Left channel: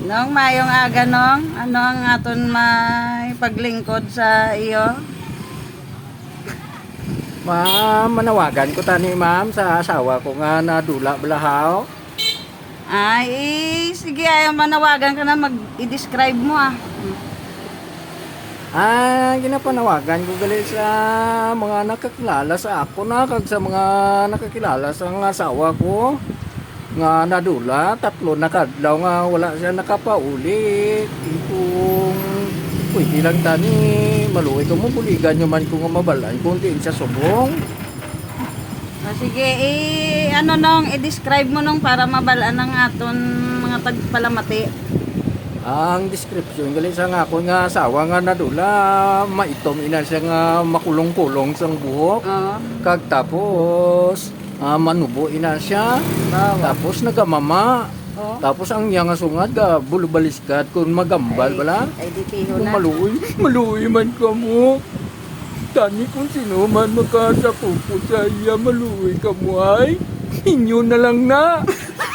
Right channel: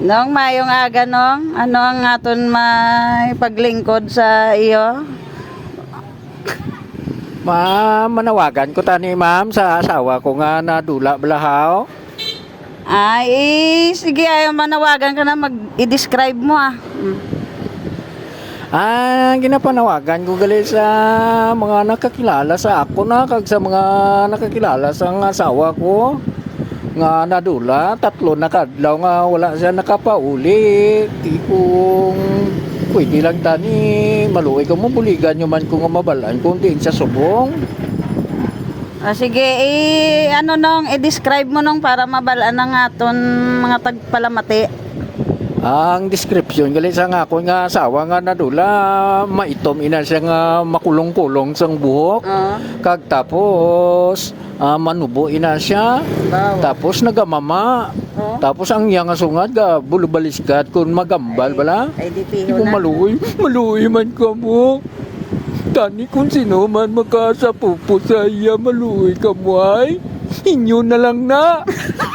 Nong mayong aga nong, ano ang aton may paglingkod sa iyo? Ma, manawagan ko tani ma'am sa asawa ko nga nadula balahaw. Ay, eh, sige, ayaw manawagan ka na, mag-i-describe mo ah. Mm. Ah, ginapanawagan ko gali sa mga nakakilala sa ako na kag sa mga nakakilala sa asawa ko nga nadula tatlo na kadlaw nga wala siya nakapauli tipong pwede lang tani maluwi ko mo buligan nyo man ko nga mabalan kung diin sa subong Ah, sige, eh, ano nong, i-describe mo nong para mabalaan ng aton mga tagpalamati. ang description gali sa nga ako nga asawa nga nadula maitom ina siya nga makulong-kulong sang buhok Oo. kag tapos ah, manubo ina siya Daw. tapos nagamama Oo. tapos ang iya nga sungad ga bulubaliskat kun magambal bala Ay, Di na. maluoy maluoy man ka mo tani kung sino man makasapupo sa iya maluoy ka mo ay inyo na lang na